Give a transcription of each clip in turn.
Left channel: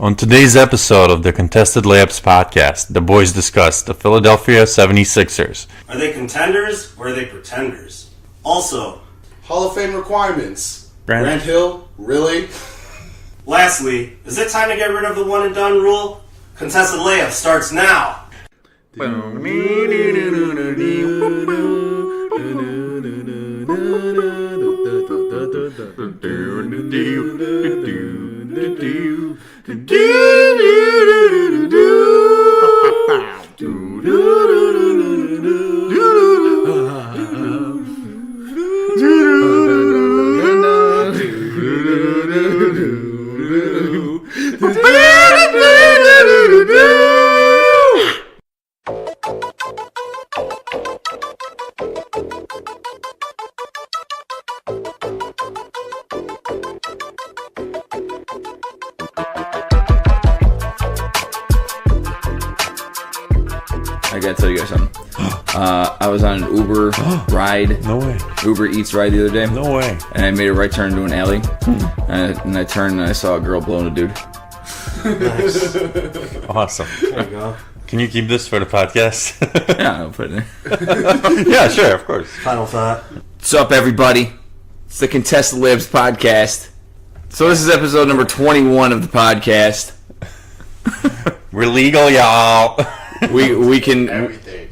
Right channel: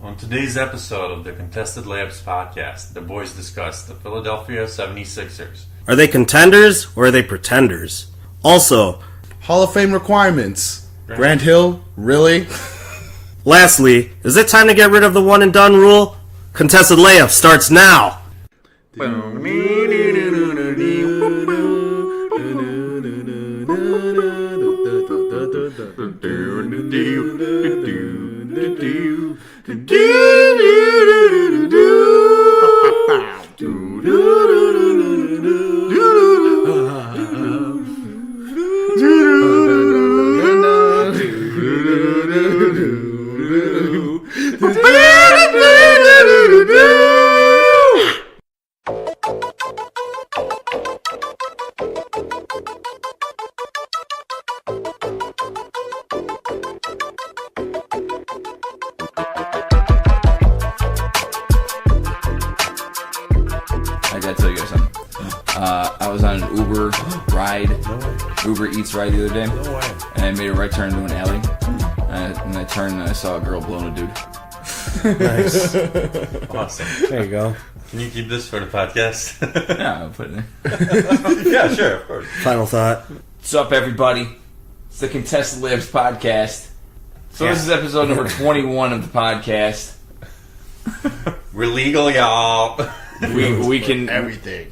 On today's episode of the Contested Layups podcast, the boys discuss the Philadelphia 76ers. Are they contenders or are they pretenders? Also, Hall of Fame requirements. Grant Hill, really? Lastly, is it time to get rid of the one and done rule? Contested Layup starts now! I was on an Uber ride. No way. Uber Eats ride the other day. No way. And I made a right turn into an alley. And I turned and I saw a girl blowing a dude. Nice. Awesome. There you go. Can you keep this for the podcast? Yeah, I'll put it in. Yeah, sure, of course. Final thought. What's up, everybody? It's the Contested Layups podcast. So this is episode number 21 of the podcast. We're legal, y'all. We can... Everything.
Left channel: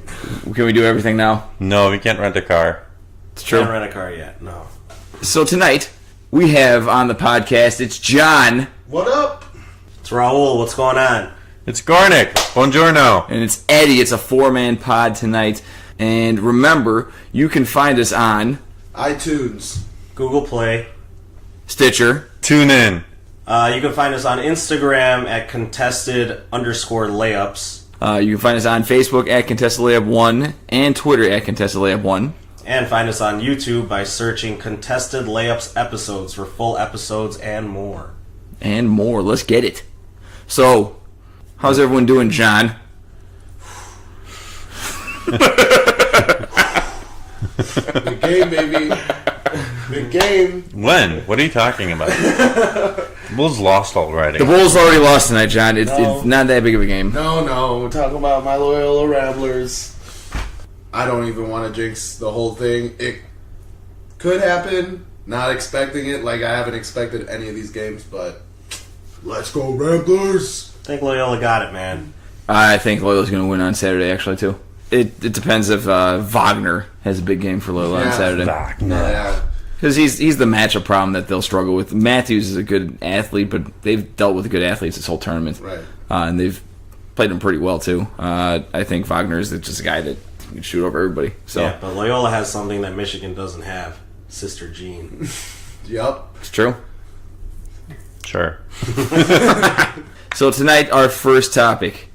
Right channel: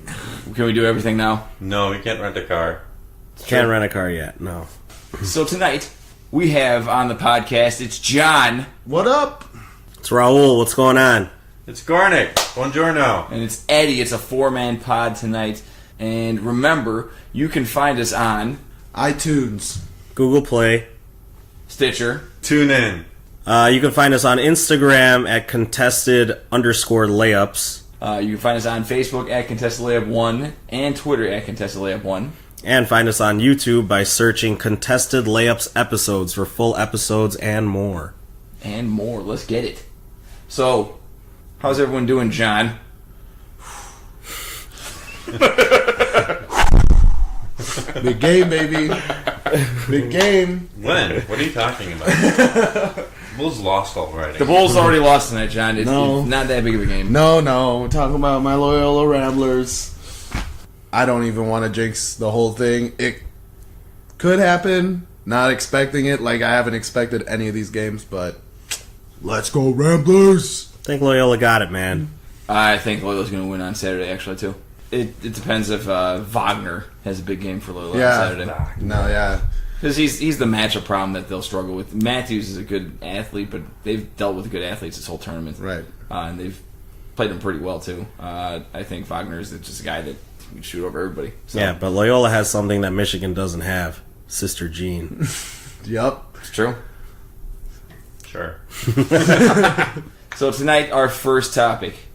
Can we do everything now? No, we can't rent a car. Can't rent a car yet, no. So tonight, we have on the podcast, it's John. What up? It's Raul, what's going on? It's Garnick. Buongiorno. And it's Eddie. It's a four-man pod tonight. And remember, you can find us on iTunes. Google Play. Stitcher. Tune in. You can find us on Instagram at contested_layups. You can find us on Facebook at Contested Layup 1 and Twitter at Contested Layup 1. And find us on YouTube by searching Contested Layups episodes for full episodes and more. And more. Let's get it. So, how's everyone doing, John? Big game, baby. Big game. When? What are you talking about? Bulls lost already. The Bulls already lost tonight, John. It's No. not that big of a game. No, we're talking about my Loyola Ramblers. I don't even want to jinx the whole thing. It could happen. Not expecting it. Like, I haven't expected any of these games, but let's go Ramblers. I think Loyola got it, man. I think Loyola's going to win on Saturday, actually, too. It depends if Wagner has a big game for Loyola on Saturday. No, yeah. Because he's the matchup problem that they'll struggle with. Matthews is a good athlete, but they've dealt with good athletes this whole tournament. Right. And they've played him pretty well, too. I think Wagner is just a guy that can shoot over everybody. So. Yeah, but Loyola has something that Michigan doesn't have. Sister Jean. Yup. It's true. Sure. So tonight, our first topic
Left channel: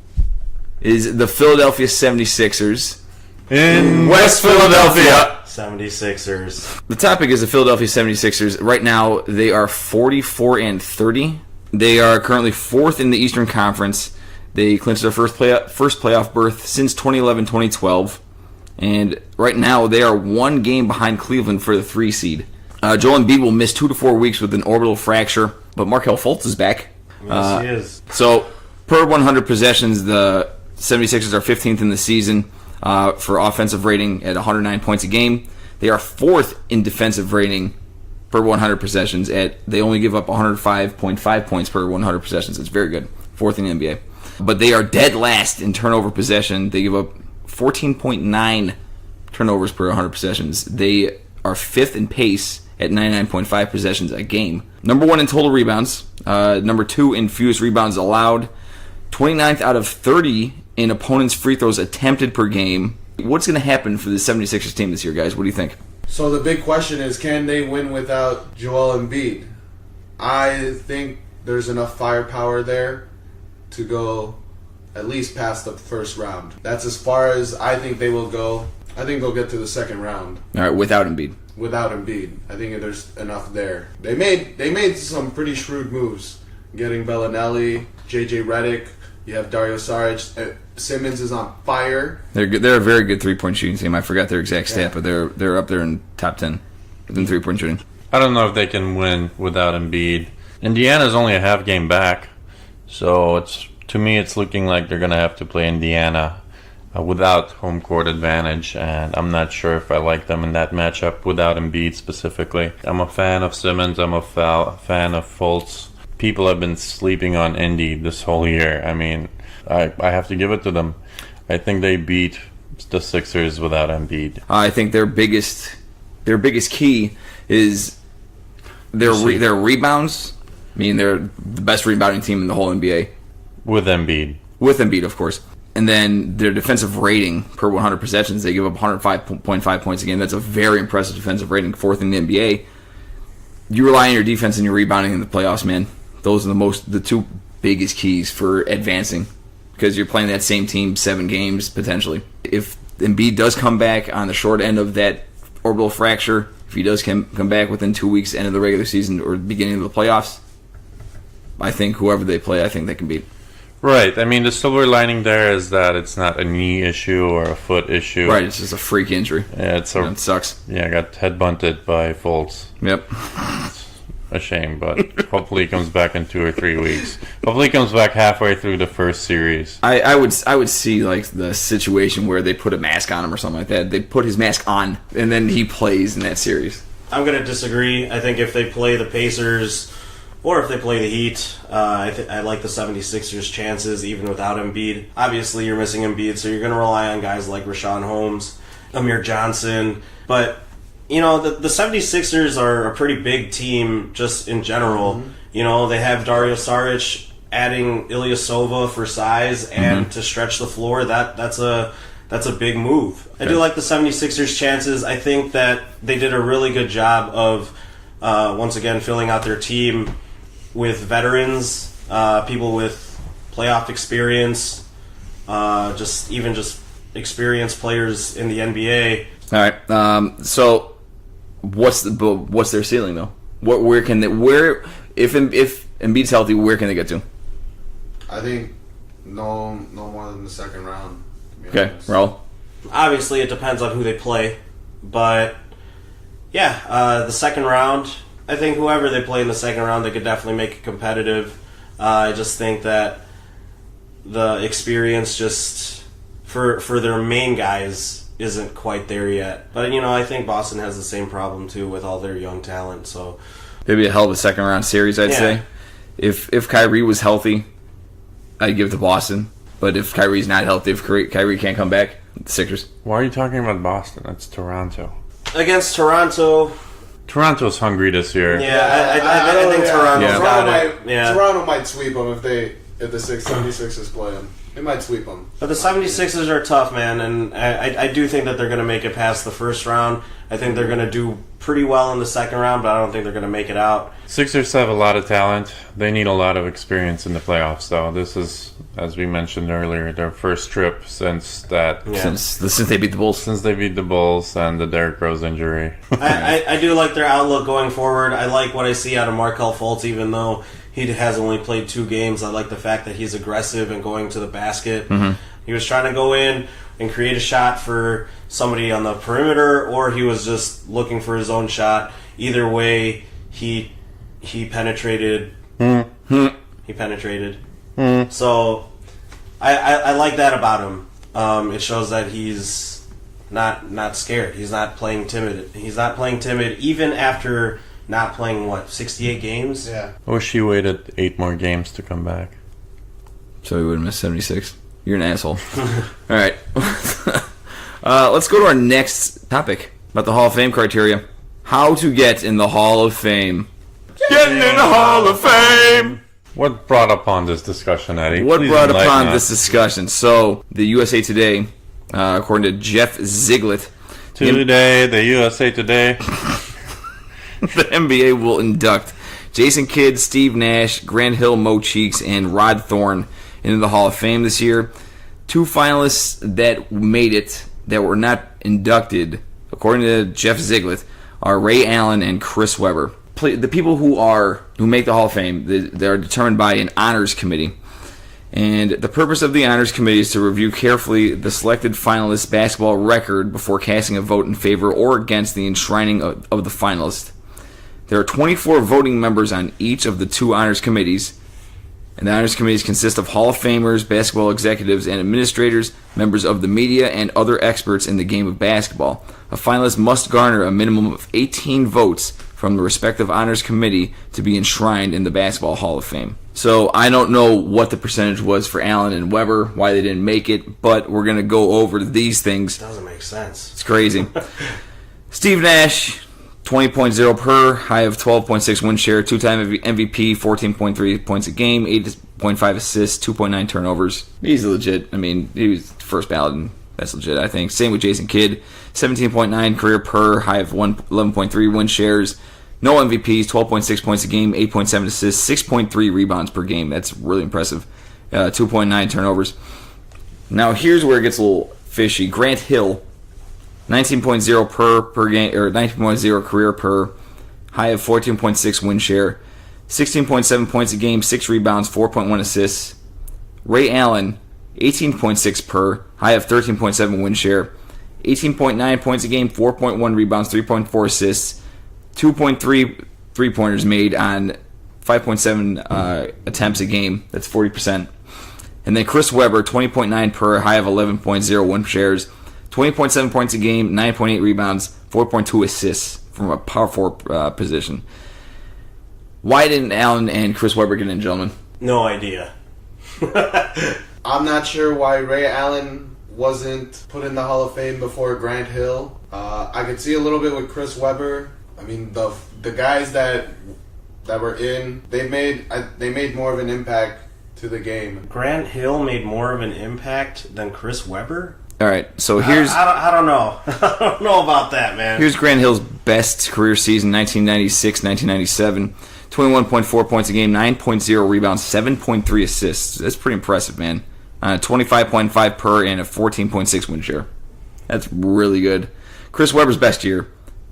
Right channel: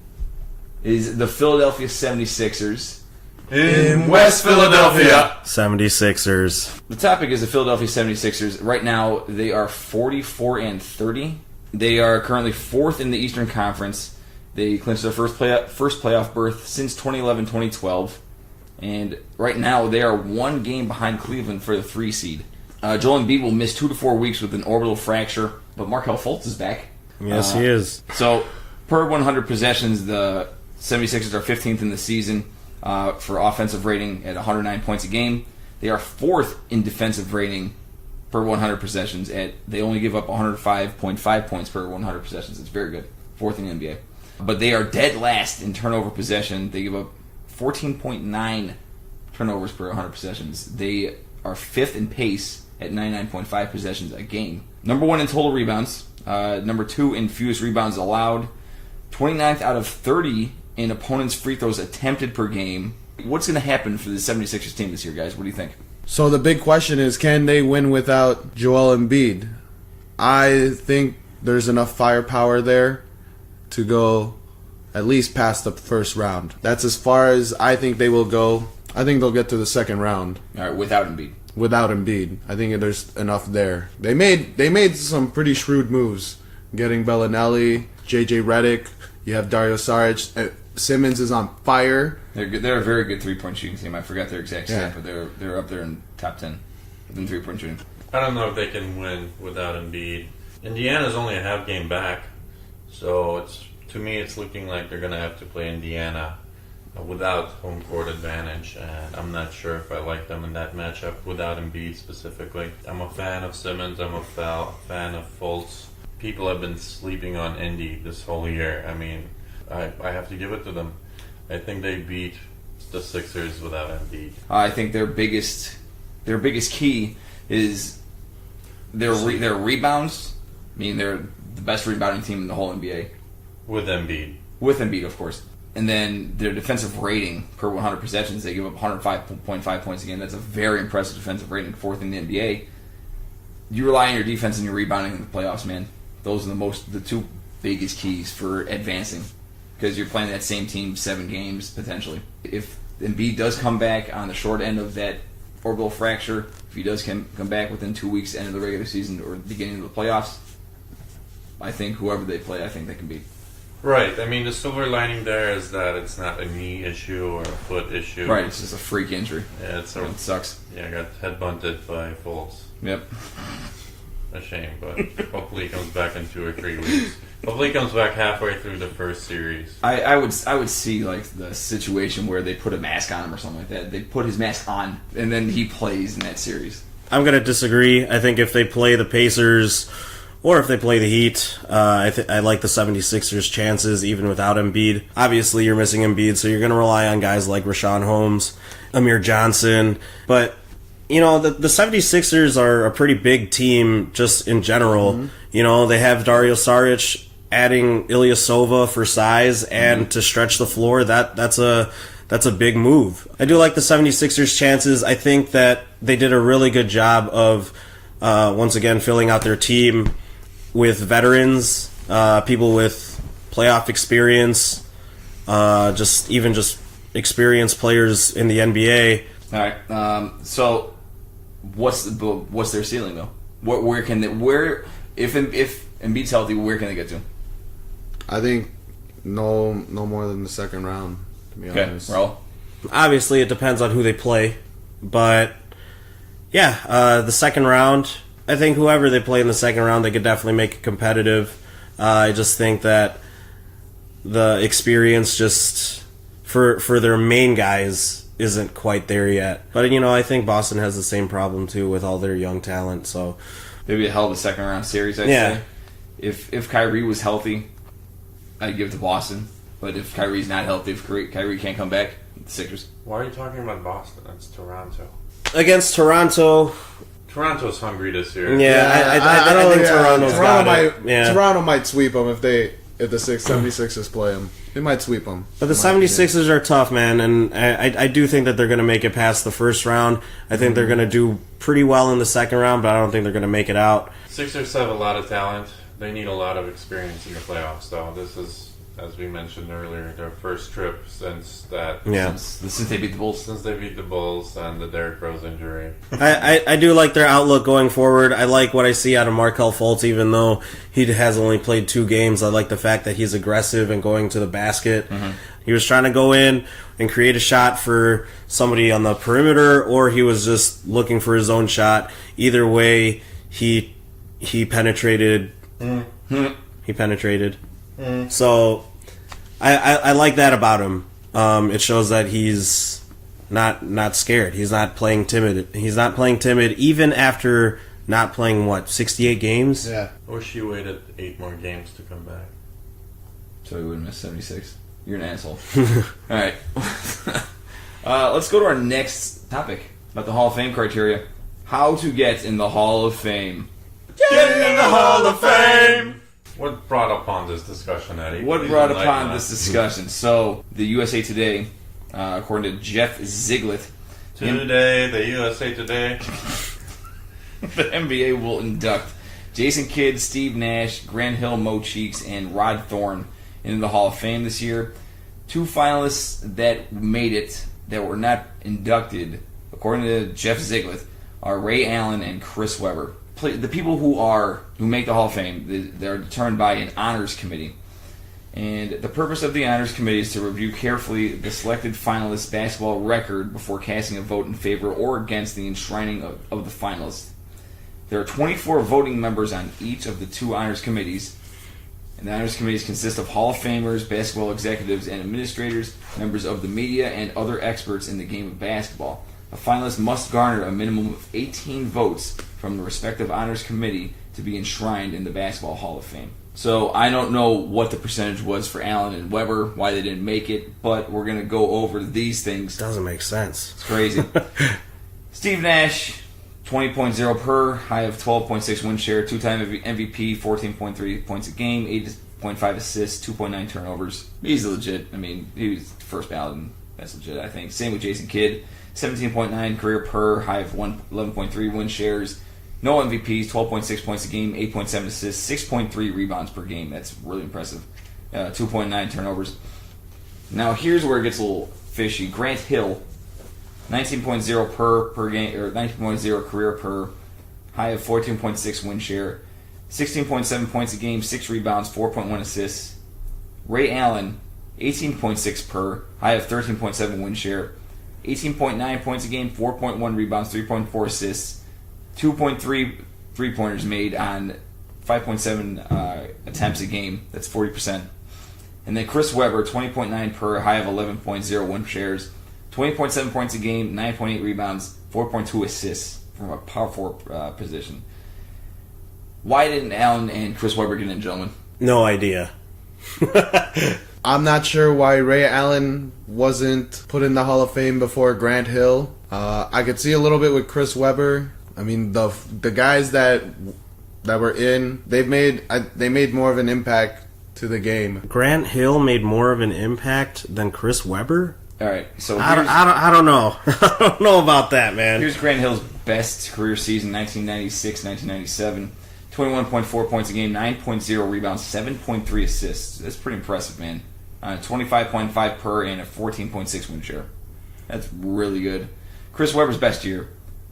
is the Philadelphia 76ers. In West Philadelphia. 76ers. The topic is the Philadelphia 76ers. Right now, they are 44-30. They are currently fourth in the Eastern Conference. They clinched their first playoff berth since 2011-2012. And right now, they are one game behind Cleveland for the 3 seed. Joel Embiid will miss 2 to 4 weeks with an orbital fracture, but Markelle Fultz is back. Yes, he is. So, per 100 possessions, the 76ers are 15th in the season for offensive rating at 109 points a game. They are 4th in defensive rating per 100 possessions. They only give up 105.5 points per 100 possessions. It's very good. 4th in the NBA. But they are dead last in turnover possession. They give up 14.9 turnovers per 100 possessions. They are 5th in pace at 99.5 possessions a game. Number 1 in total rebounds. Number 2 in fewest rebounds allowed. 29th out of 30 in opponents' free throws attempted per game. What's going to happen for the 76ers team this year, guys? What do you think? So the big question is, can they win without Joel Embiid? I think there's enough firepower there to go at least past the first round. That's as far as I think they will go. I think they'll get to the second round. All right, without Embiid. Without Embiid. I think there's enough there. They made some pretty shrewd moves. Getting Bellinelli, JJ Redick, you have Dario Saric. Simmons is on fire. They're good. They're a very good three-point shooting team. I forgot their exact stat, but they're up there in top 10 in three-point shooting. I don't know if they can win without Embiid. Indiana's only a half game back, So to me, it's looking like they're gonna have to play Indiana without home court advantage, and I'm not sure if I like them in that matchup without Embiid specifically. I'm a fan of Simmons. I'm a fan of Fultz. People have been sleeping on Indy this whole year. I mean, I have to give it to them. I think they beat the Sixers without Embiid. I think their biggest key is their rebounds. I mean, they're the best rebounding team in the whole NBA. With Embiid. With Embiid, of course. And then their defensive rating per 100 possessions, they give up 105.5 points a game. That's a very impressive defensive rating, fourth in the NBA. You rely on your defense and your rebounding in the playoffs, man. Those are the two biggest keys for advancing, because you're playing that same team 7 games potentially. If Embiid does come back on the short end of that orbital fracture, if he does come back within 2 weeks, end of the regular season or beginning of the playoffs, I think whoever they play, I think they can beat. Right. I mean, the silver lining there is that it's not a knee issue or a foot issue. Right. It's just a freak injury. Yeah, It sucks. Yeah, I got headbutted by Fultz. Yep. A shame, but hopefully he comes back in 2 or 3 weeks. Hopefully he comes back halfway through the first series. I would see like the situation where they put a mask on him or something like that. They put his mask on and then he plays in that series. I'm going to disagree. I think if they play the Pacers or if they play the Heat, I like the 76ers' chances even without Embiid. Obviously, you're missing Embiid, so you're going to rely on guys like Rashawn Holmes, Amir Johnson. But, you know, the 76ers are a pretty big team just in general. Mm-hmm. You know, they have Dario Saric adding Ilyasova for size and to stretch the floor. That's a big move. I do like the 76ers' chances. I think that they did a really good job of, once again, filling out their team with veterans, people with playoff experience, just experienced players in the NBA. All right. So, what's their ceiling though? If Embiid's healthy, where can they get to? I think no more than the second round. To be honest. Raul. Obviously, it depends on who they play, but yeah, the second round. I think whoever they play in the second round, they could definitely make it competitive. I just think that the experience just for their main guys isn't quite there yet. But, you know, I think Boston has the same problem, too, with all their young talent. So Maybe a hell of a second round series, I'd say. If Kyrie was healthy, I'd give it to Boston. But if Kyrie's not healthy, if Kyrie can't come back, the Sixers. Why are you talking about Boston? That's Toronto. Against Toronto... Toronto's hungry this year. Yeah, I think Toronto's Toronto might sweep them if the 76ers play them. They might sweep them. But the 76ers are tough, man, and I do think that they're going to make it past the first round. I think they're going to do pretty well in the second round, but I don't think they're going to make it out. Sixers have a lot of talent. They need a lot of experience in the playoffs, though. This is, as we mentioned earlier, their first trip since they beat the Bulls. Since they beat the Bulls and the Derrick Rose injury. I do like their outlook going forward. I like what I see out of Markelle Fultz, even though he has only played 2 games. I like the fact that he's aggressive and going to the basket. Mm-hmm. He was trying to go in and create a shot for somebody on the perimeter, or he was just looking for his own shot. Either way, he penetrated. Mm-hmm. He penetrated. Mm-hmm. So I like that about him. It shows that he's not scared. He's not playing timid. He's not playing timid even after not playing 68 games. Yeah. I wish he waited 8 more games to come back. So he would have missed 76. You're an asshole. All right. Let's go to our next topic about the Hall of Fame criteria. How to get in the Hall of Fame. Getting in the Hall of Fame! What brought upon this discussion, Eddie? What Please brought enlighten upon us. this discussion? So, the USA Today, according to Jeff Ziegler, Today, the USA Today. the NBA will induct Jason Kidd, Steve Nash, Grant Hill, Mo Cheeks, and Rod Thorne into the Hall of Fame this year. 2 finalists that made it that were not inducted, according to Jeff Ziegler, are Ray Allen and Chris Webber. The people who make the Hall of Fame, they are determined by an honors committee. And the purpose of the honors committee is to review carefully the selected finalist's basketball record before casting a vote in favor or against the enshrining of the finalist. There are 24 voting members on each of the 2 honors committees, And the honors committees consist of Hall of Famers, basketball executives and administrators, members of the media, and other experts in the game of basketball. A finalist must garner a minimum of 18 votes from the respective honors committee to be enshrined in the Basketball Hall of Fame. So I don't know what the percentage was for Allen and Weber, why they didn't make it, but we're going to go over these things. Doesn't make sense. It's crazy. Steve Nash, 20.0 per, high of 12.6 win share, two-time MVP, 14.3 points a game, 8.5 assists, 2.9 turnovers. He's legit. I mean, he was first ballot, and that's legit, I think. Same with Jason Kidd, 17.9 career per, high of 11.3 win shares. No MVPs, 12.6 points a game, 8.7 assists, 6.3 rebounds per game. That's really impressive. 2.9 turnovers. Now here's where it gets a little fishy. Grant Hill, 19.0 per game, or 19.0 career per, high of 14.6 win share, 16.7 points a game, 6 rebounds, 4.1 assists. Ray Allen, 18.6 per, high of 13.7 win share, 18.9 points a game, 4.1 rebounds, 3.4 assists, 2.3 three-pointers made on 5.7 attempts a game. That's 40%. And then Chris Webber, 20.9 per, high of 11.0 win shares, 20.7 points a game, 9.8 rebounds, 4.2 assists from a power forward position. Why didn't Allen and Chris Webber get in, gentlemen? No idea. I'm not sure why Ray Allen wasn't put in the Hall of Fame before Grant Hill. I could see a little bit with Chris Webber. I mean, the guys that were in, they made more of an impact to the game. Grant Hill made more of an impact than Chris Webber? All right, so here's... I don't know. I don't know about that, man. Here's Grant Hill's best career season, 1996-1997. 21.4 points a game, 9.0 rebounds, 7.3 assists. That's pretty impressive, man. 25.5 per and a 14.6 win share. That's really good. Chris Webber's best year,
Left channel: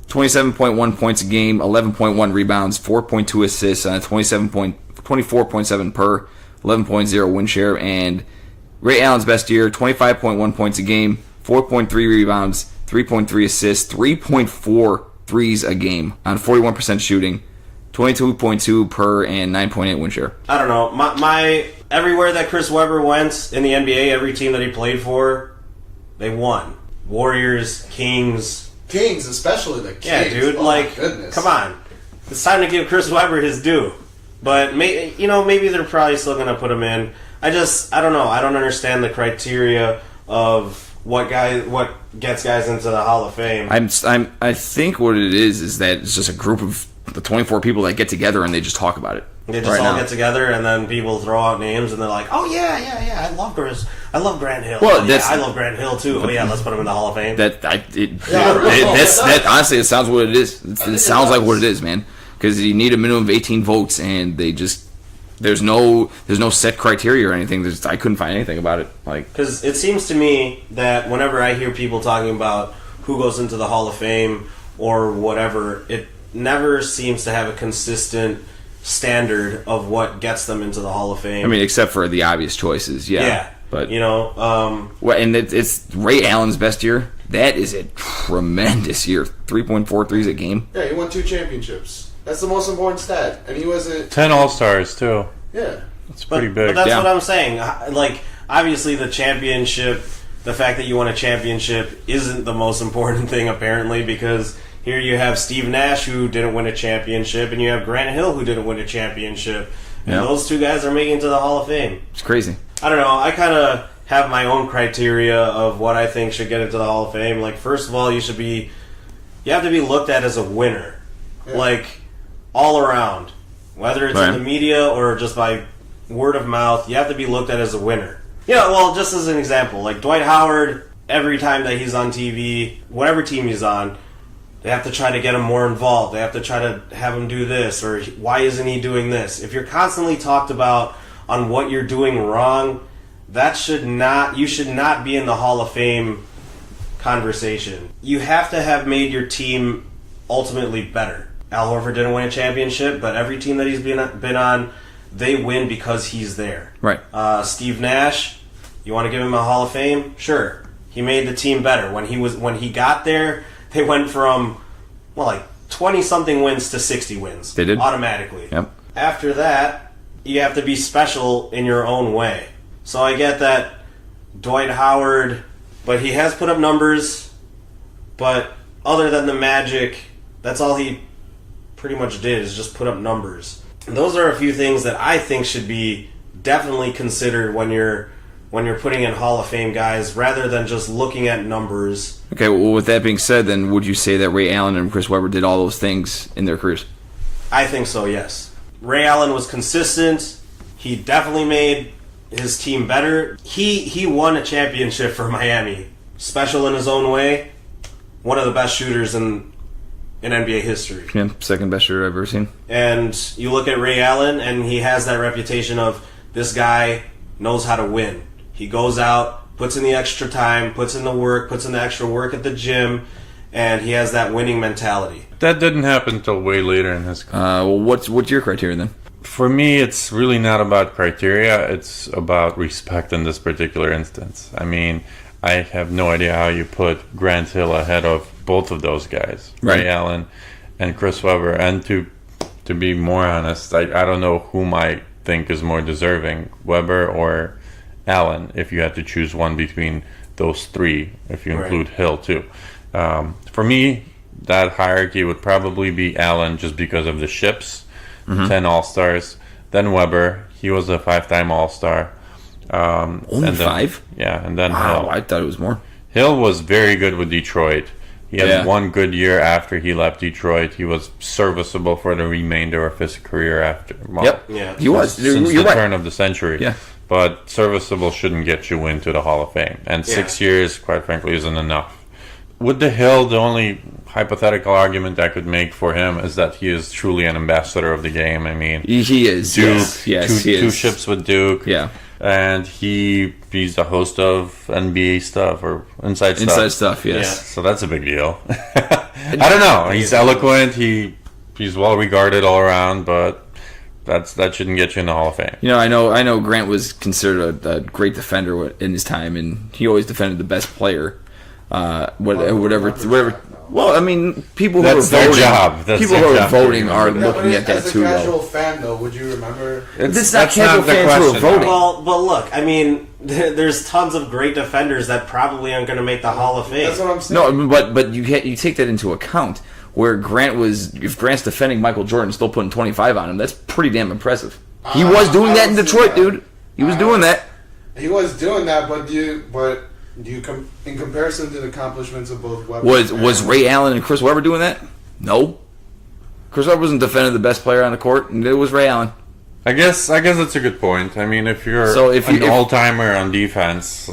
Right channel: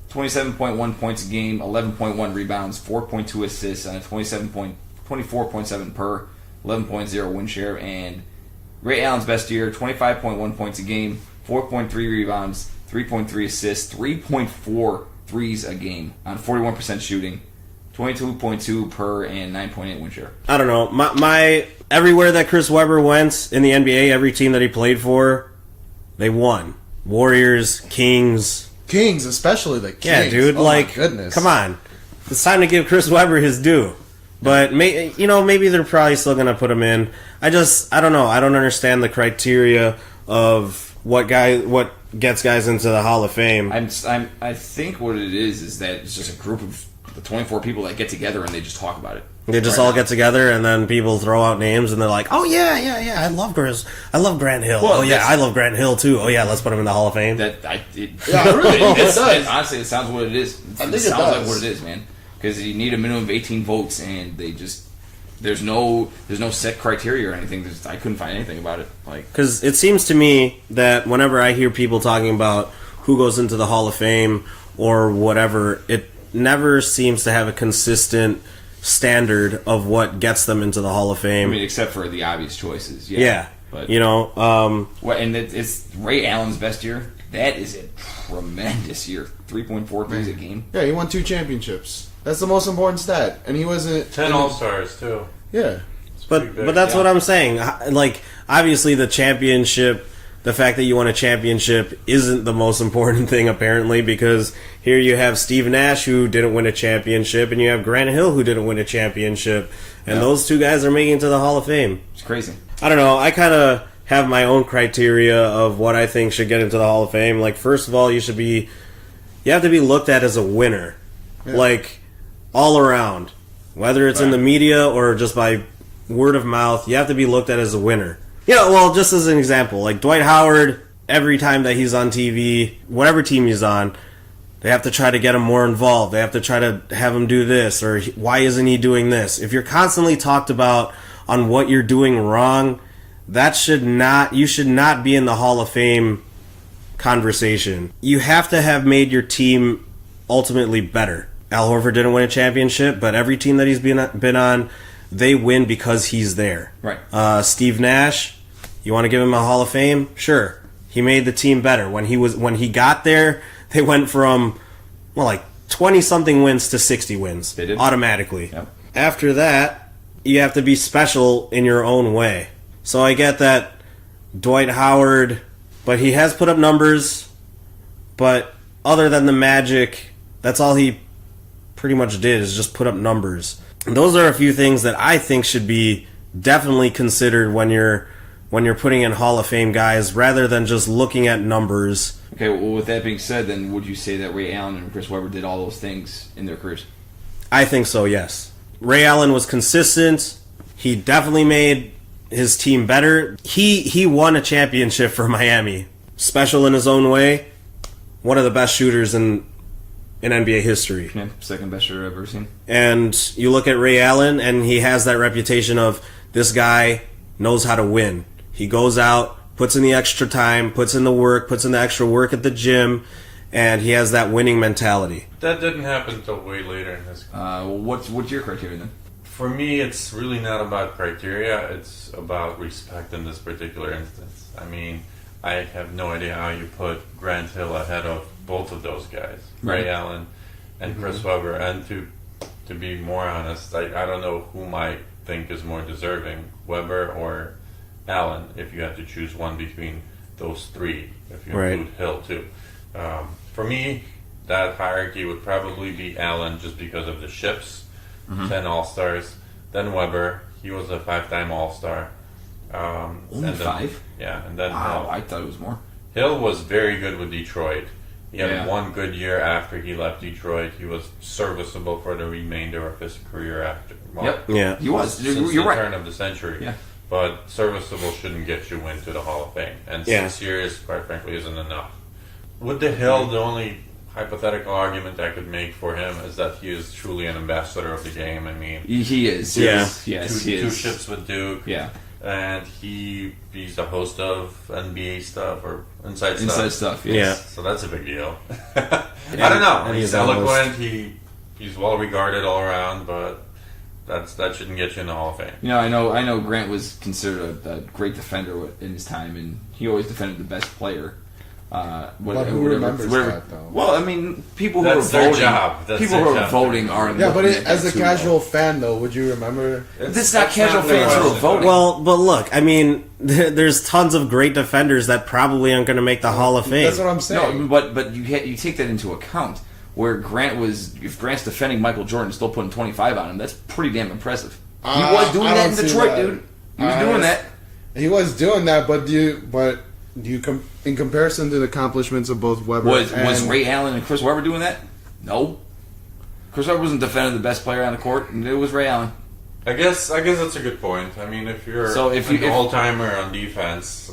27.1 points a game, 11.1 rebounds, 4.2 assists, 24.7 per, 11.0 win share. And Ray Allen's best year, 25.1 points a game, 4.3 rebounds, 3.3 assists, 3.4 threes a game on 41% shooting, 22.2 per and 9.8 win share. I don't know. My everywhere that Chris Webber went in the NBA, every team that he played for, they won. Warriors, Kings, especially the Kings. Yeah, dude. Oh, goodness. Come on. It's time to give Chris Webber his due. But maybe they're probably still going to put him in. I don't know. I don't understand the criteria of what gets guys into the Hall of Fame. I think what it is that it's just a group of the 24 people that get together and they just talk about it. They just all get together and then people throw out names and they're like, "Oh yeah, I love Grant Hill. Well, I love Grant Hill too. Oh yeah, let's put him in the Hall of Fame." That honestly, it sounds what it is. It sounds like what it is, man. Because you need a minimum of 18 votes, and they just there's no set criteria or anything. I couldn't find anything about it. Because it seems to me that whenever I hear people talking about who goes into the Hall of Fame or whatever, it never seems to have a consistent standard of what gets them into the Hall of Fame. I mean, except for the obvious choices, yeah. But and it's Ray Allen's best year. That is a tremendous year. 3.4 threes a game. Yeah, he won 2 championships. That's the most important stat. And he wasn't... 10 All-Stars, too. Yeah. It's pretty big. But that's what I'm saying. Like, obviously the championship, the fact that you won a championship isn't the most important thing, apparently, because here you have Steve Nash, who didn't win a championship, and you have Grant Hill, who didn't win a championship. And those two guys are making it to the Hall of Fame. It's crazy. I don't know. I kind of have my own criteria of what I think should get into the Hall of Fame. Like, first of all, you have to be looked at as a winner. Yeah. Like, all around. Whether it's in the media or just by word of mouth, you have to be looked at as a winner. Yeah, well, just as an example, like Dwight Howard, every time that he's on TV, whatever team he's on, they have to try to get him more involved. They have to try to have him do this, or why isn't he doing this? If you're constantly talked about on what you're doing wrong, you should not be in the Hall of Fame conversation. You have to have made your team ultimately better. Al Horford didn't win a championship, but every team that he's been on, they win because he's there. Right. Steve Nash, you want to give him a Hall of Fame? Sure. He made the team better. When he got there, they went from 20-something wins to 60 wins. They did. Automatically. Yep. After that, you have to be special in your own way. So I get that Dwight Howard, but he has put up numbers, but other than the Magic, that's all he pretty much did is just put up numbers. And those are a few things that I think should be definitely considered when you're putting in Hall of Fame guys, rather than just looking at numbers. Okay, well, with that being said, then would you say that Ray Allen and Chris Webber did all those things in their careers? I think so, yes. Ray Allen was consistent. He definitely made his team better. He won a championship for Miami. Special in his own way. One of the best shooters in NBA history. Yeah, second best shooter I've ever seen. And you look at Ray Allen, and he has that reputation of this guy knows how to win. He goes out, puts in the extra time, puts in the work, puts in the extra work at the gym, and he has that winning mentality. That didn't happen until way later in his career. Well, what's your criteria then? For me, it's really not about criteria. It's about respect in this particular instance. I mean, I have no idea how you put Grant Hill ahead of both of those guys, Right. Ray Allen and Chris Webber. And to be more honest, I don't know whom I think is more deserving, Webber or Allen, if you had to choose one between those three, if you Right. include Hill too. For me, that hierarchy would probably be Allen just because of the ships, 10 All-Stars. Then Webber, he was a 5-time All-Star. Only and then- 5? Yeah, and then Wow, Hill. I thought it was more. Hill was very good with Detroit. He had Yeah. one good year after he left Detroit. He was serviceable for the remainder of his career after. Well, Yep. Yeah. He was. Since You're the right. turn of the century. Yeah. But serviceable shouldn't get you into the Hall of Fame. And 6 years, quite frankly, isn't enough. With the Hill, the only hypothetical argument I could make for him is that he is truly an ambassador of the game. I mean, He is. Duke, Yes, he is. two ships with Duke. Yeah. And he's the host of NBA stuff or Inside Stuff. Inside stuff, yes. Yeah. So that's a big deal. I don't know. He's eloquent. He's well regarded all around, but that shouldn't get you in the Hall of Fame. You know, I know Grant was considered a great defender in his time, and he always defended the best player. Whatever. Well, I mean, people who That's are their voting, job. That's people their who are job. voting are Yeah, but looking at that as a too. casual fan, though, would you remember? This is not casual the fans who are question. voting. Well, but look, I mean, there's tons of great defenders that probably aren't going to make the Hall of Fame. That's what I'm saying. No, but you take that into account. Where if Grant's defending Michael Jordan, still putting 25 on him, that's pretty damn impressive. He was doing I that in don't see Detroit, that. dude. He was doing that. He was doing that, but in comparison to the accomplishments of both Webber Was and Ray Allen and Chris Webber doing that? No. Chris Webber wasn't defending the best player on the court, and it was Ray Allen. I guess that's a good point. I mean, if you're So if an you- all-timer on defense,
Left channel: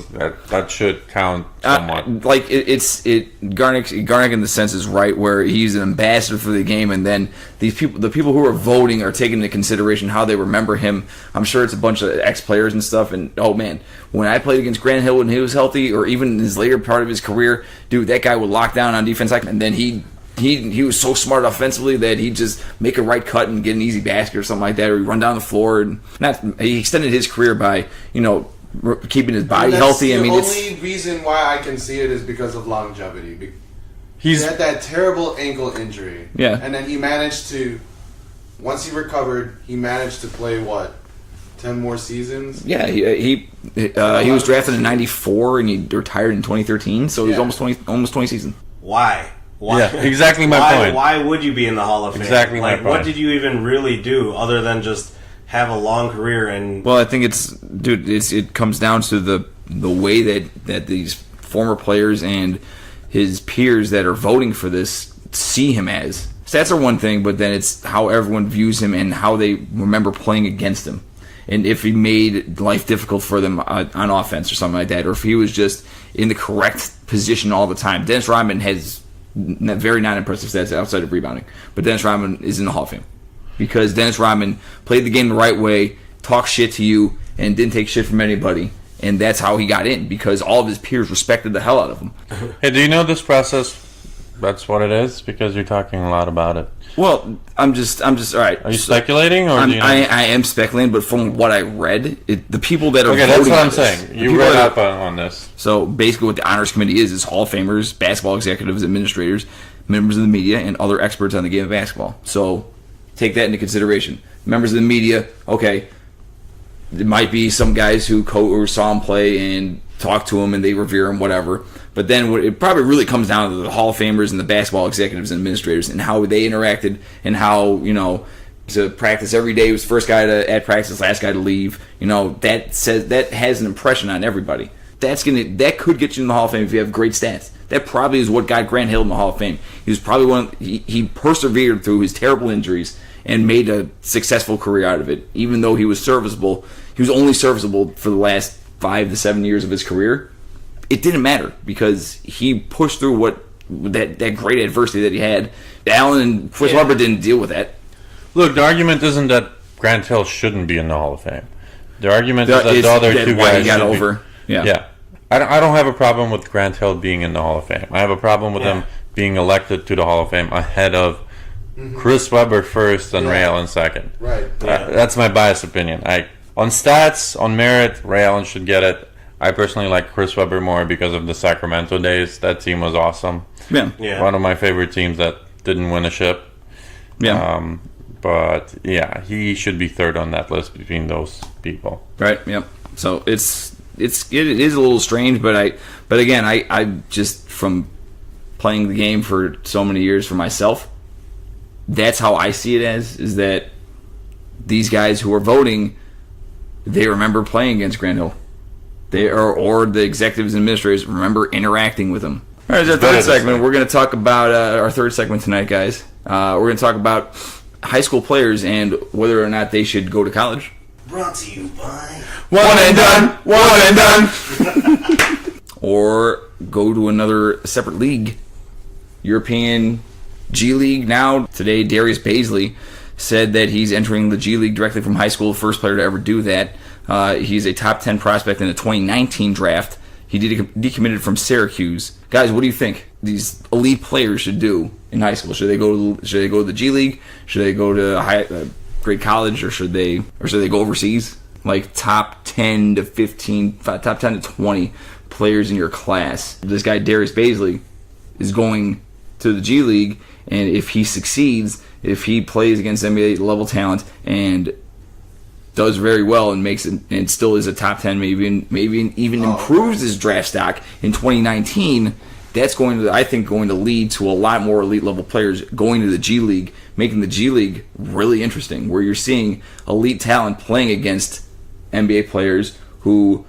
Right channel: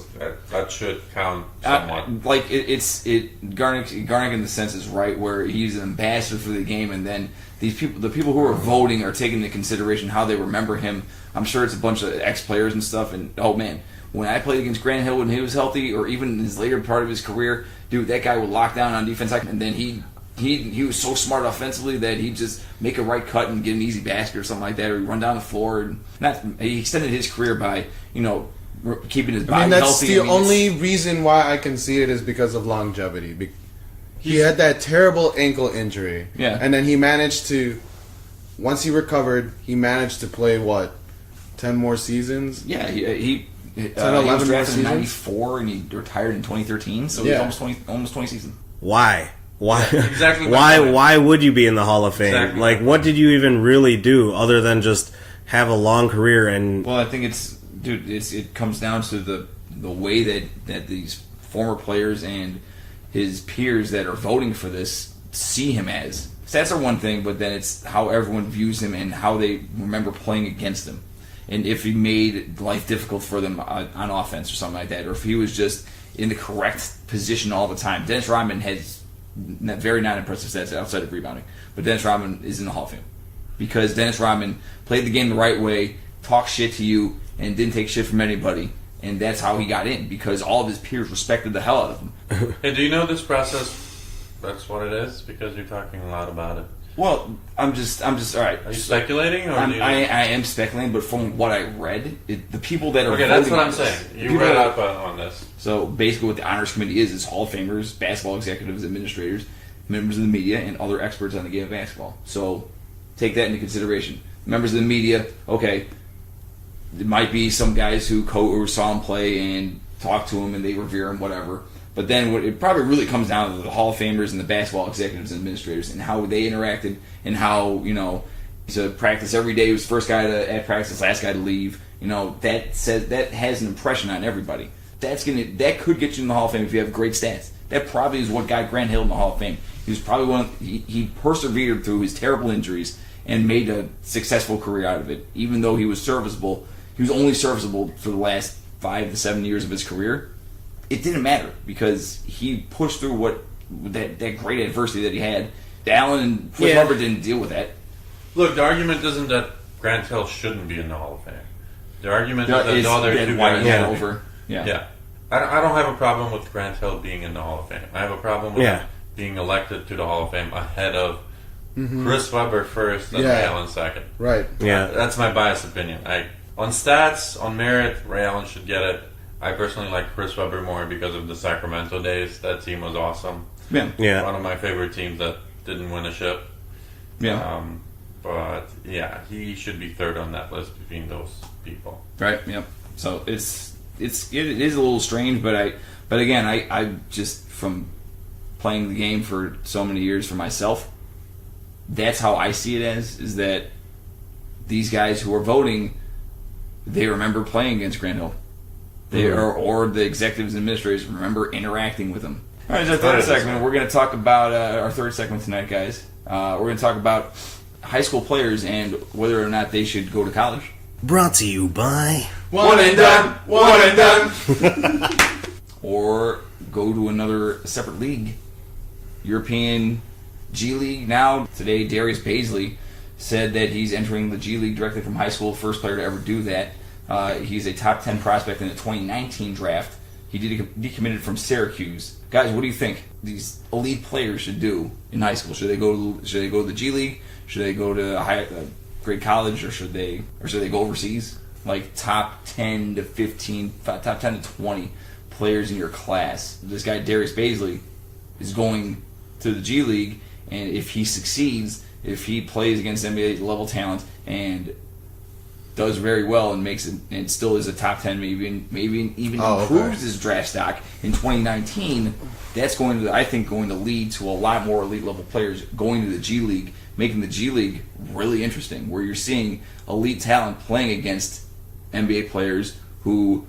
that should count somewhat. Garnick in the sense is right, where he's an ambassador for the game, and then the people who are voting are taking into consideration how they remember him. I'm sure it's a bunch of ex-players and stuff, and oh man, when I played against Grant Hill when he was healthy, or even in his later part of his career, dude, that guy would lock down on defense, and then he was so smart offensively that he'd just make a right cut and get an easy basket or something like that, or he'd run down the floor. And he extended his career by keeping his body that's healthy. the only reason why I can see it is because of longevity. He He's had that terrible ankle injury. Yeah. And then he managed to, once he recovered, he managed to play, 10 more seasons? Yeah, he was 11 drafted in season? '94 and he retired in 2013, so he's Yeah. almost 20 seasons. Why? Why? Yeah, exactly my why, point. Why would you be in the Hall of Fame? Exactly my Like, what point. did you even really do other than just have a long career and Well, I think it comes down to the way that these former players and his peers that are voting for this see him as. Stats are one thing, but then it's how everyone views him and how they remember playing against him. And if he made life difficult for them on offense or something like that, or if he was just in the correct position all the time. Dennis Rodman has very non-impressive stats outside of rebounding, but Dennis Rodman is in the Hall of Fame because Dennis Rodman played the game the right way, talked shit to you, and didn't take shit from anybody, and that's how he got in because all of his peers respected the hell out of him. Hey, do you know this process? That's what it is because you're talking a lot about it. Well, I'm just all right. Are you speculating, or do you know? I am speculating, but from what I read, the people that are Okay, that's voting what on I'm this- saying. the You people read that- up on this. So basically, what the honors committee is Hall of Famers, basketball executives, administrators, members of the media, and other experts on the game of basketball. So take that into consideration. Members of the media, okay, It might be some guys who saw him play and talked to him and they revere him, whatever. But then it probably really comes down to the Hall of Famers and the basketball executives and administrators and how they interacted and how, to practice every day, he was first guy at practice, last guy to leave. That has an impression on everybody. That could get you in the Hall of Fame if you have great stats. That probably is what got Grant Hill in the Hall of Fame. He was probably he persevered through his terrible injuries and made a successful career out of it. Even though he was serviceable, he was only serviceable for the last 5 to 7 years of his career. It didn't matter because he pushed through that great adversity that he had. Allen and Chris Webber didn't deal with that. Look, the argument isn't that Grant Hill shouldn't be in the Hall of Fame. The argument is that the other two guys got should over. be. Yeah. I don't have a problem with Grant Hill being in the Hall of Fame. I have a problem with him being elected to the Hall of Fame ahead of Chris Webber first and Ray Allen second. Right. Yeah. That's my biased opinion. On stats, on merit, Ray Allen should get it. I personally like Chris Webber more because of the Sacramento days. That team was awesome. Yeah. One of my favorite teams that didn't win a ship. Yeah. But yeah, he should be third on that list between those people. Right. Yep. So it is a little strange, but again I just from playing the game for so many years for myself, that's how I see it is that these guys who are voting, they remember playing against Grant Hill. They or the executives and administrators remember interacting with him. All right, our third segment. We're going to talk about our third segment tonight, guys. We're going to talk about high school players and whether or not they should go to college. Brought to you by One and done. Or go to another separate league. European G League now. Today, Darius Baisley said that he's entering the G League directly from high school, first player to ever do that. He's a top 10 prospect in the 2019 draft. He decommitted from Syracuse. Guys, what do you think these elite players should do in high school? Should they go to the G League? Should they go to great college, or should they go overseas? Like top 10 to 15, top 10 to 20 players in your class. This guy Darius Baisley is going to the G League, and if he succeeds, if he plays against NBA level talent and does very well and makes it, and still is a top 10, maybe even improves his draft stock in 2019, that's going to lead to a lot more elite level players going to the G League, making the G League really interesting, where you're seeing elite talent playing against NBA players who,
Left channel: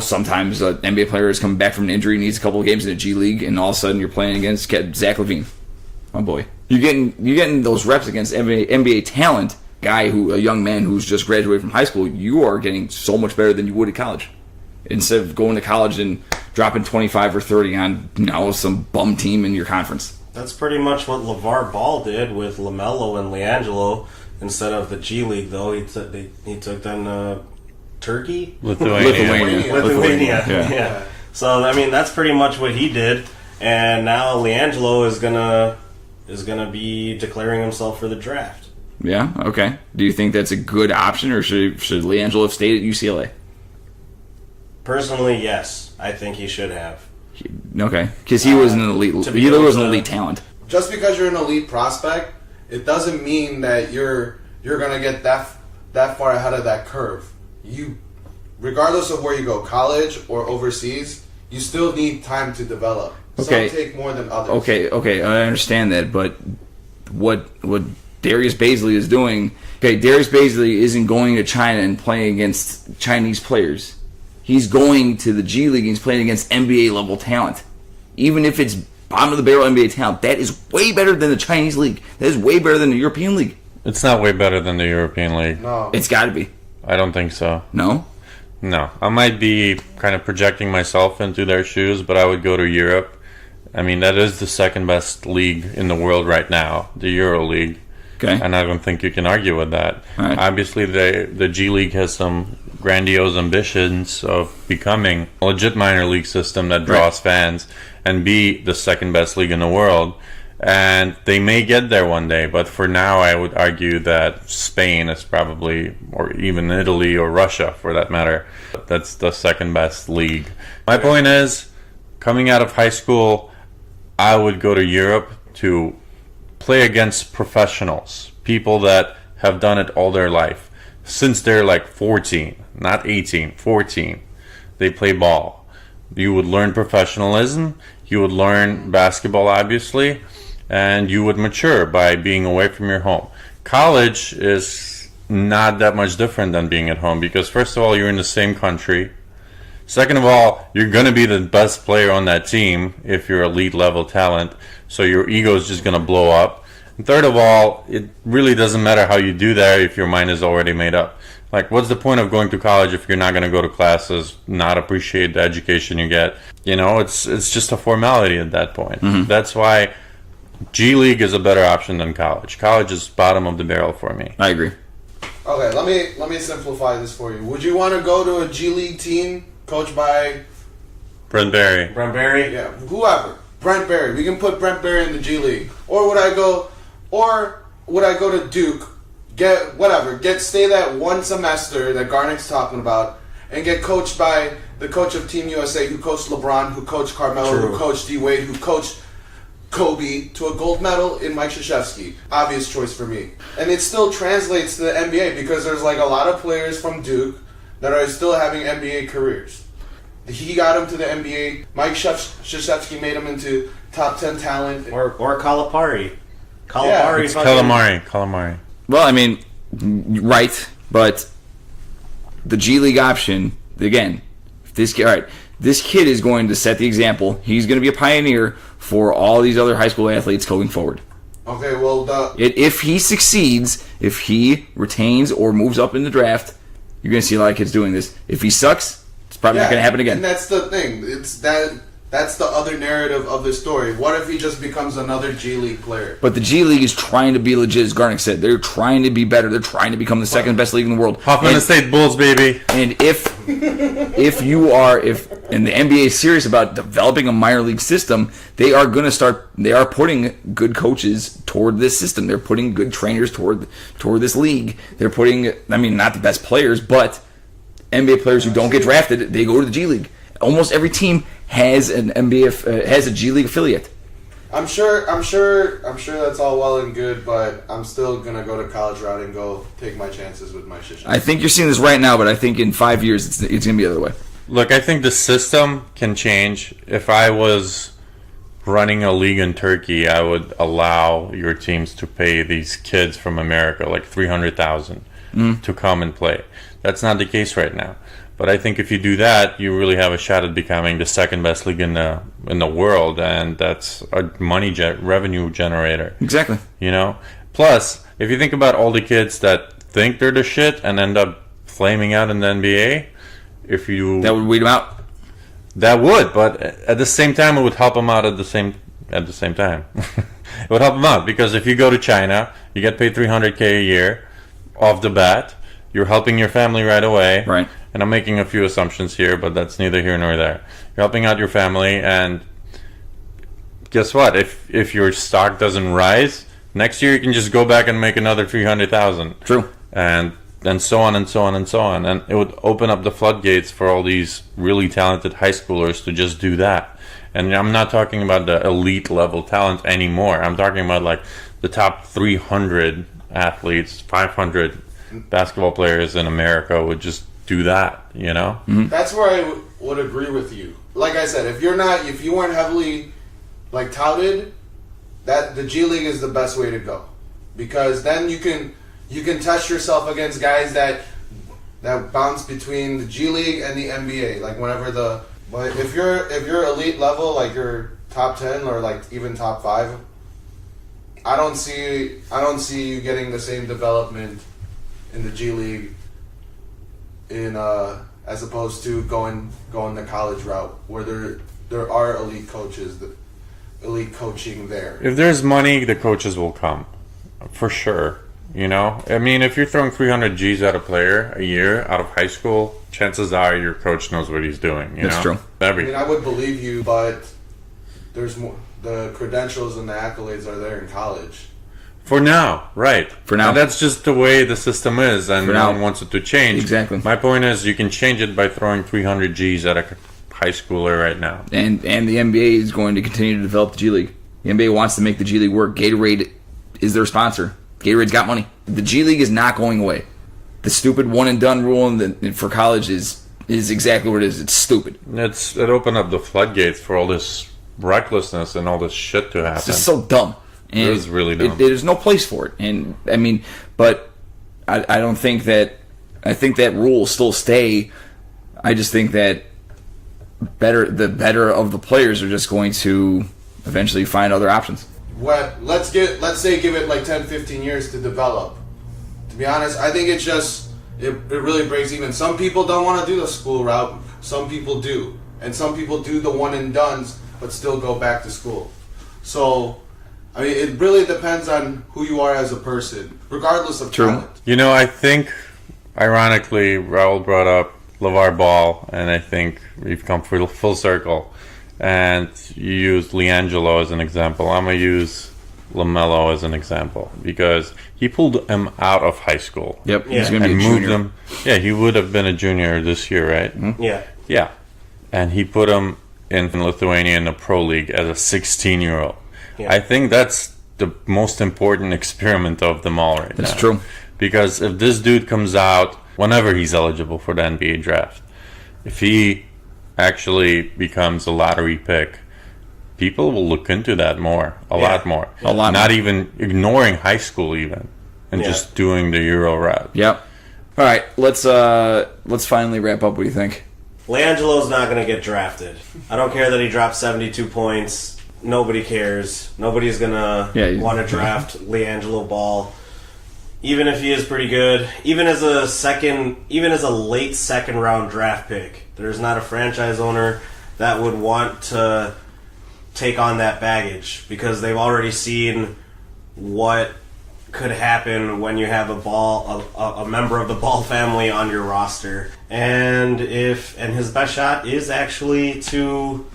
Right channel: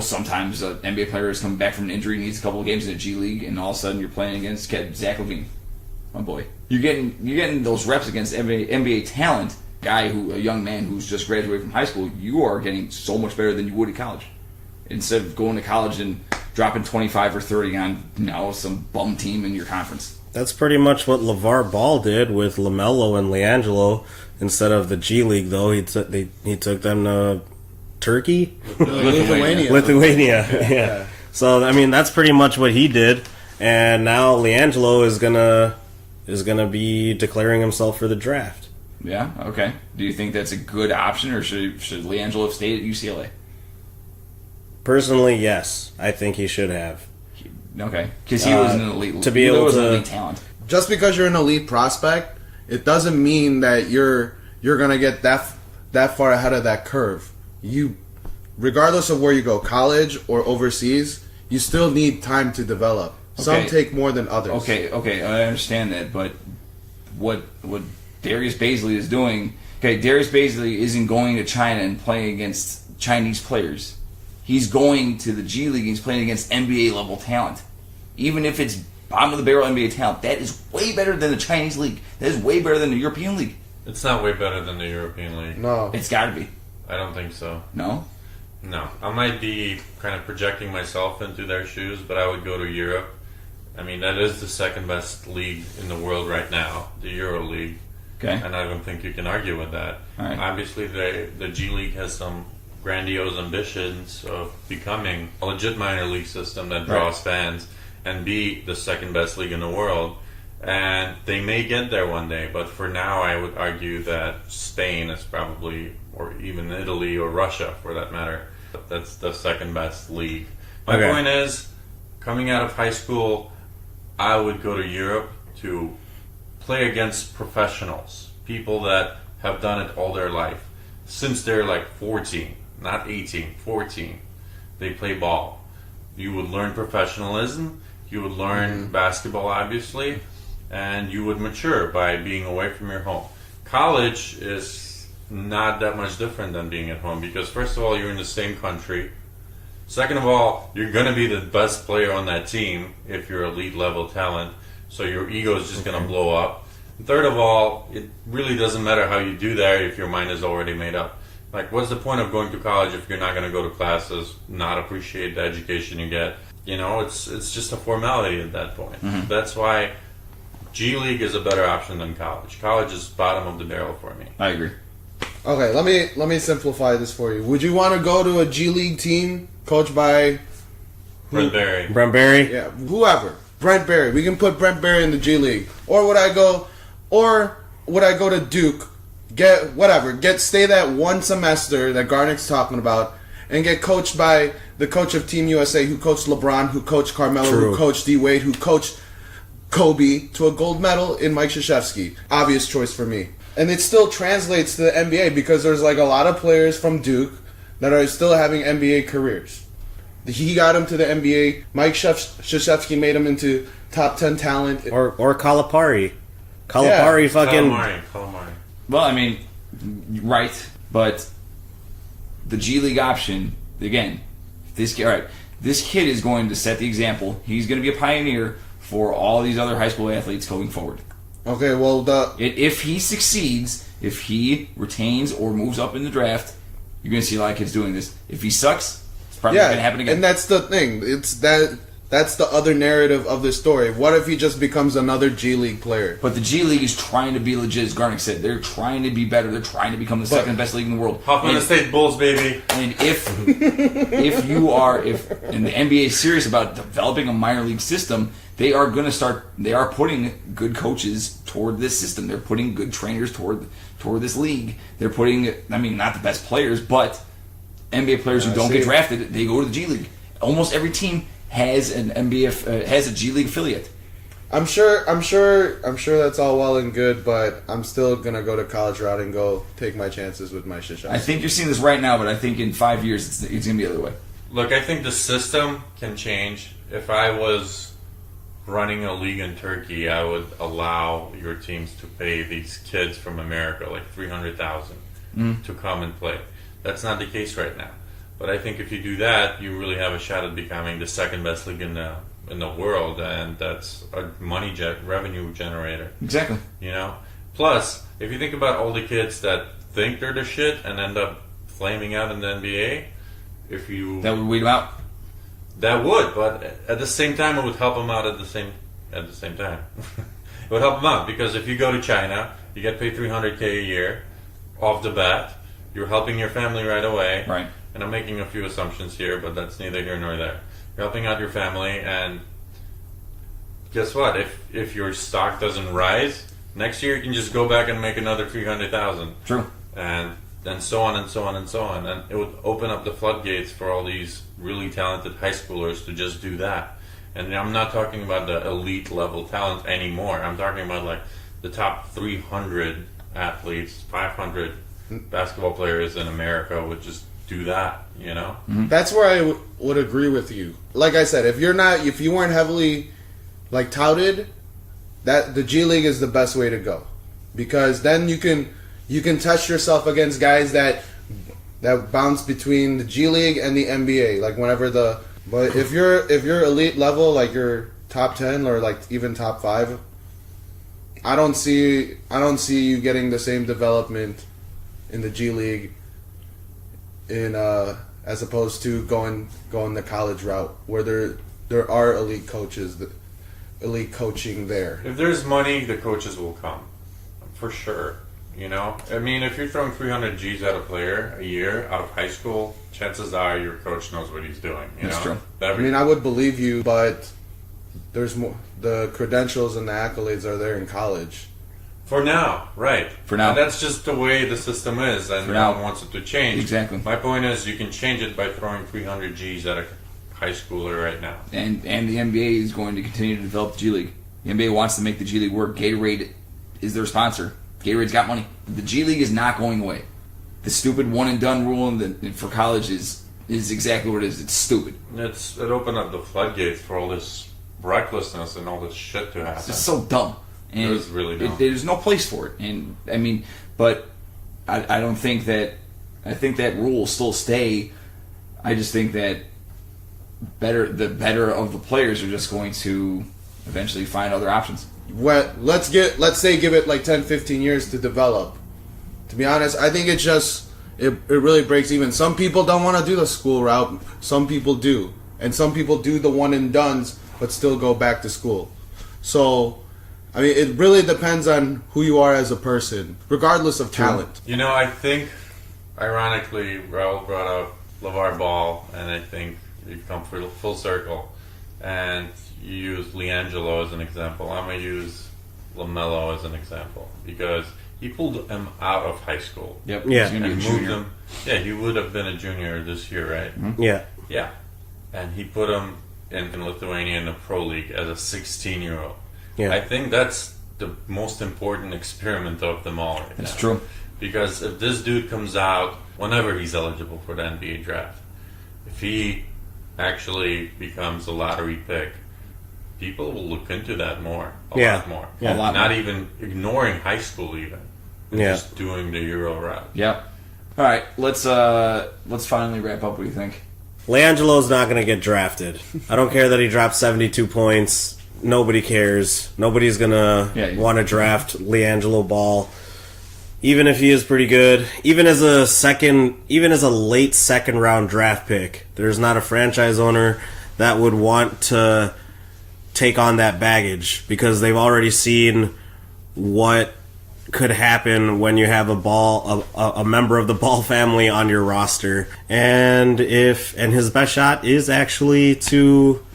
sometimes an NBA player is coming back from an injury, needs a couple of games in the G League, and all of a sudden you're playing against Zach LaVine, my boy. You're getting those reps against NBA talent. A young man who's just graduated from high school, you are getting so much better than you would at college. Instead of going to college and dropping 25 or 30 on some bum team in your conference. That's pretty much what LeVar Ball did with LaMelo and LiAngelo. Instead of the G League, though, he took them to Turkey? Lithuania. Yeah. So, that's pretty much what he did. And now LiAngelo is gonna be declaring himself for the draft. Yeah, okay. Do you think that's a good option, or should LiAngelo have stayed at UCLA? Personally, yes. I think he should have. Okay, because he was an elite. An elite talent. Just because you're an elite prospect, it doesn't mean that you're gonna get that far ahead of that curve. You, regardless of where you go, college or overseas, you still need time to develop. Okay. Some take more than others. Okay, I understand that, but what Darius Baisley is doing. Okay, Darius Baisley isn't going to China and playing against Chinese players. He's going to the G League and he's playing against NBA level talent. Even if it's bottom of the barrel NBA talent, that is way better than the Chinese league. That is way better than the European league. It's not way better than the European League. No. It's got to be. I don't think so. No? No. I might be kind of projecting myself into their shoes, but I would go to Europe. That is the second best league in the world right now, the Euro League. Okay. And I don't think you can argue with that. Right. Obviously, the G League has some grandiose ambitions of becoming a legit minor league system that draws fans and be the second best league in the world. And they may get there one day, but for now, I would argue that Spain is probably, or even Italy or Russia for that matter, that's the second best league. My point is, coming out of high school, I would go to Europe to play against professionals, people that have done it all their life, since they're like 14. not 18, 14. They play ball. You would learn professionalism. You would learn basketball, obviously, and you would mature by being away from your home. College is not that much different than being at home because, first of all, you're in the same country. Second of all, you're going to be the best player on that team if you're elite level talent, so your ego is just going to blow up. And third of all, it really doesn't matter how you do that if your mind is already made up. Like, what's the point of going to college if you're not going to go to classes, not appreciate the education you get? You know, it's just a formality at that point. That's why G League is a better option than college. College is bottom of the barrel for me. I agree. Okay, let me simplify this for you. Would you want to go to a G League team coached by Brent Barry. Brent Barry? yeah, whoever? Brent Barry. We can put Brent Barry in the G League. Or would I go to Duke, stay that one semester that Garnick's talking about, and get coached by the coach of Team USA who coached LeBron, who coached Carmelo, True. who coached D Wade, who coached Kobe to a gold medal in Mike Krzyzewski. Obvious choice for me. And it still translates to the NBA because there's like a lot of players from Duke that are still having NBA careers. He got him to the NBA. Mike Krzyzewski made him into top 10 talent. Or Calipari. Yeah, Calipari fucking... Calamari. Well, I mean, right, but the G League option, again, this kid is going to set the example. He's going to be a pioneer for all these other high school athletes going forward. Okay, well, If he succeeds, if he retains or moves up in the draft, you're going to see a lot of kids doing this. If he sucks, it's probably not going to happen again. And that's the thing. That's the other narrative of the story. What if he just becomes another G League player? But the G League is trying to be legit, as Garnick said. They're trying to be better. They're trying to become the second best league in the world. Hoffman State Bulls, baby. And if the NBA is serious about developing a minor league system, they are putting good coaches toward this system. They're putting good trainers toward this league. They're putting, I mean, not the best players, but NBA players who don't get drafted, they go to the G League. Almost every team has has a G League affiliate. I'm sure that's all well and good, but I'm still gonna go to college route and go take my chances with my shit. I think you're seeing this right now, but I think in 5 years it's gonna be the other way. Look, I think the system can change. If I was running a league in Turkey, I would allow your teams to pay these kids from America like $300,000 to come and play. That's not the case right now. But I think if you do that, you really have a shot at becoming the second best league in the world, and that's a revenue generator. Exactly. You know. Plus, if you think about all the kids that think they're the shit and end up flaming out in the NBA, That would weed them out. that would, but at the same time, it would help them out at the same time. It would help them out because if you go to China, you get paid $300K a year off the bat. You're helping your family right away. Right. And I'm making a few assumptions here, but that's neither here nor there. You're helping out your family, and guess what? If your stock doesn't rise, next year you can just go back and make another $300,000. True. And so on and so on and so on. And it would open up the floodgates for all these really talented high schoolers to just do that. And I'm not talking about the elite level talent anymore. I'm talking about like the top 300 athletes, 500 basketball players in America would just do that, you know? That's where I would agree with you. Like I said, if you weren't heavily like touted, that the G League is the best way to go, because then you can test yourself against guys that bounce between the G League and the NBA. Like but if you're elite level, like you're top 10 or like even top 5, I don't see you getting the same development in the G League as opposed to going the college route where there are elite coaches, elite coaching there. If there's money, the coaches will come, for sure. You know, I mean, if you're throwing 300 G's at a player a year out of high school, chances are your coach knows what he's doing. That's true. I mean, I would believe you, but there's more. The credentials and the accolades are there in college. For now, right. For now. And that's just the way the system is, and no one wants it to change. Exactly. My point is, you can change it by throwing 300 G's at a high schooler right now. And the NBA is going to continue to develop the G League. The NBA wants to make the G League work. Gatorade is their sponsor. Gatorade's got money. The G League is not going away. the stupid one and done rule for college is exactly what it is. It's stupid. It opened up the floodgates for all this recklessness and all this shit to happen. It's just so dumb. And It was really dumb. There's no place for it. And I mean, but I don't think that. I think that rule will still stay. I just think that the better of the players are just going to eventually find other options. Well, let's say give it like 10, 15 years to develop. To be honest, I think it really breaks even. Some people don't want to do the school route. Some people do. And some people do the one and dones but still go back to school. So, I mean, it really depends on who you are as a person, regardless of talent. I think, ironically, Raul brought up LeVar Ball, and I think we've come full circle. And you used LiAngelo as an example. I'm going to use LaMelo as an example because he pulled him out of high school. Yep. Yeah. He's gonna be And a moved junior. him. Yeah, he would have been a junior this year, right? Mm-hmm. Yeah. Yeah. And he put him in Lithuania in the Pro League as a 16-year-old. Yeah. I think that's the most important experiment of them all right now. That's true. Because if this dude comes out whenever he's eligible for the NBA draft, if he actually becomes a lottery pick, people will look into that more, a Yeah. lot more. A lot Not more. even ignoring high school even, and Yeah. just doing the Euro route. Yep. All right, let's finally wrap up. What do you think? LiAngelo's not going to get drafted. I don't care that he dropped 72 points. Nobody cares. Nobody's going to want to draft LiAngelo Ball. Even if he is pretty good, even as a late second round draft pick, there's not a franchise owner that would want to take on that baggage because they've already seen what could happen when you have a member of the Ball family on your roster, and his best shot is actually to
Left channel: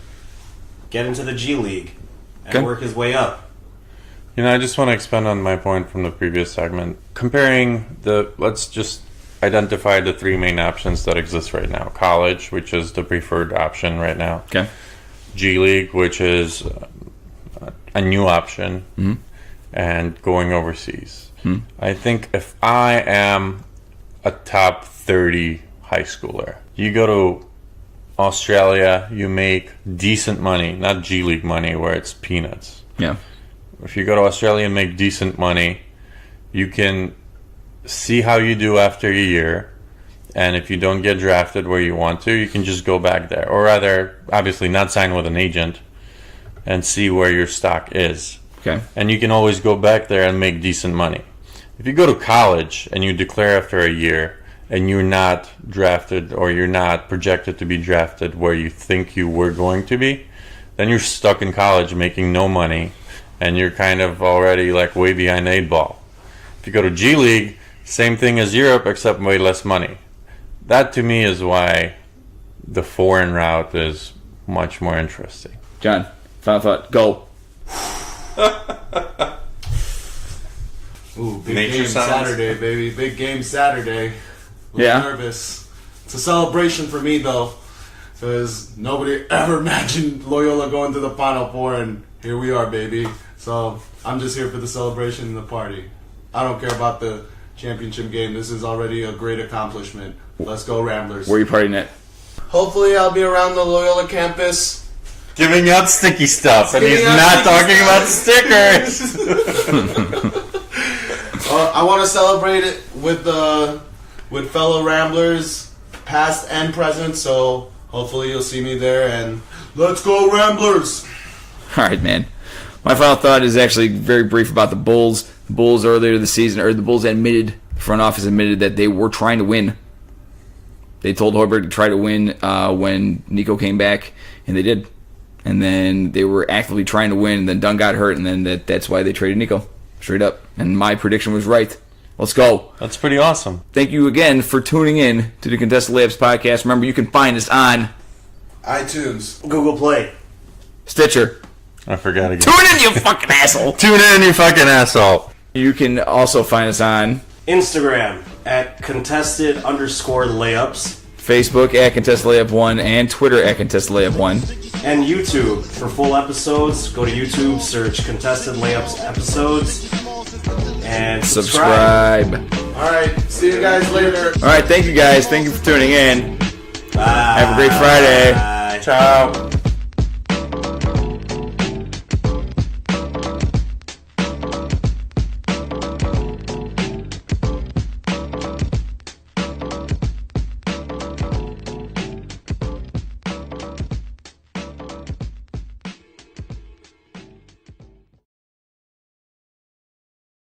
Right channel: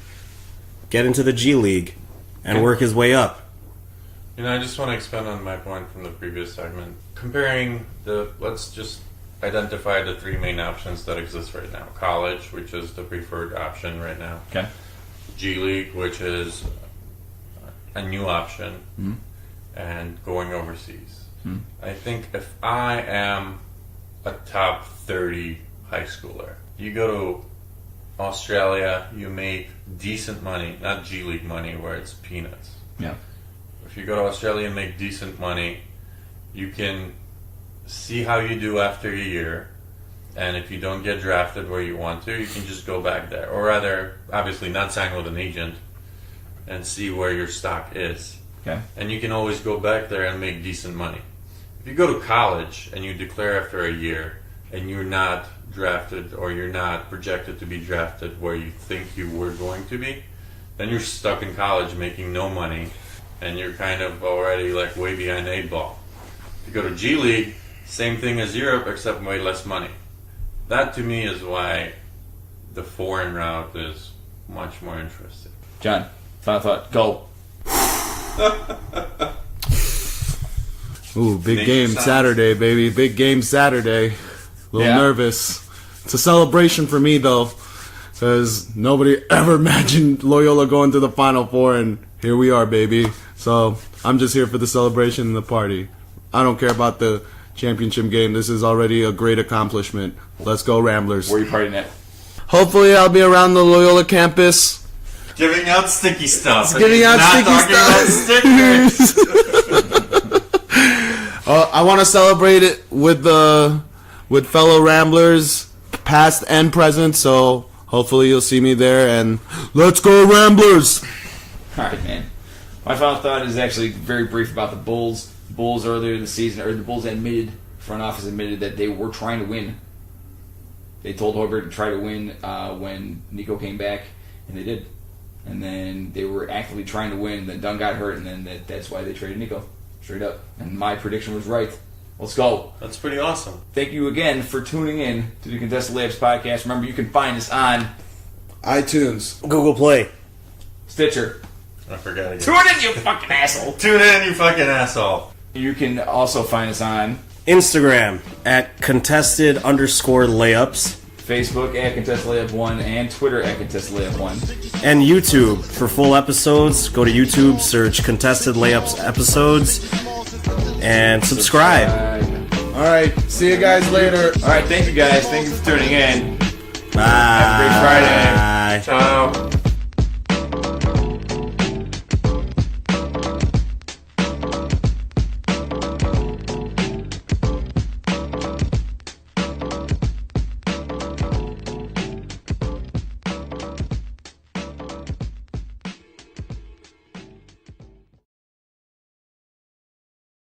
get into the G League and work his way up. I just want to expand on my point from the previous segment. Let's just identify the three main options that exist right now. College, which is the preferred option right now. Okay. G League, which is a new option. Mm-hmm. And going overseas. I think if I am a top 30 high schooler, you go to Australia, you make decent money, not G League money where it's peanuts. Yeah. If you go to Australia and make decent money, you can see how you do after a year. And if you don't get drafted where you want to, you can just go back there. Or rather, obviously not sign with an agent and see where your stock is. Okay. And you can always go back there and make decent money. If you go to college and you declare after a year and you're not drafted or you're not projected to be drafted where you think you were going to be, then you're stuck in college making no money and you're kind of already like way behind the 8 ball. If you go to G League, same thing as Europe except way less money. That to me is why the foreign route is much more interesting. John, final thought. Go. Ooh, big Nature game sounds. Saturday, baby. Big game Saturday. A little Yeah. nervous. It's a celebration for me, though, because nobody ever imagined Loyola going to the Final Four, and here we are, baby. So I'm just here for the celebration and the party. I don't care about the championship game. This is already a great accomplishment. Let's go, Ramblers. Where are you partying at? Hopefully I'll be around the Loyola campus. Giving out sticky stuff, and Giving he's out not sticky talking stuff. about stickers. I want to celebrate it with fellow Ramblers, past and present. So hopefully you'll see me there. And let's go, Ramblers! All right, man. My final thought is actually very brief about the Bulls. The Bulls earlier this season, or the Bulls the front office admitted that they were trying to win. They told Hoiberg to try to win when Nico came back, and they did. And then they were actively trying to win, and then Dunn got hurt, and then that's why they traded Nico. Straight up. And my prediction was right. Let's go. That's pretty awesome. Thank you again for tuning in to the Contested Layups podcast. Remember, you can find us on iTunes. Google Play. Stitcher. I forgot again. Tune in, you fucking asshole. Tune in, you fucking asshole. You can also find us on Instagram at contested_layups. Facebook at Contested Layup 1 and Twitter at Contested Layup 1. And YouTube for full episodes. Go to YouTube, search Contested Layups episodes, and subscribe. All right. See you guys later. All right, thank you guys. Thank you for tuning in. Bye. Have a great Friday. Bye. Ciao.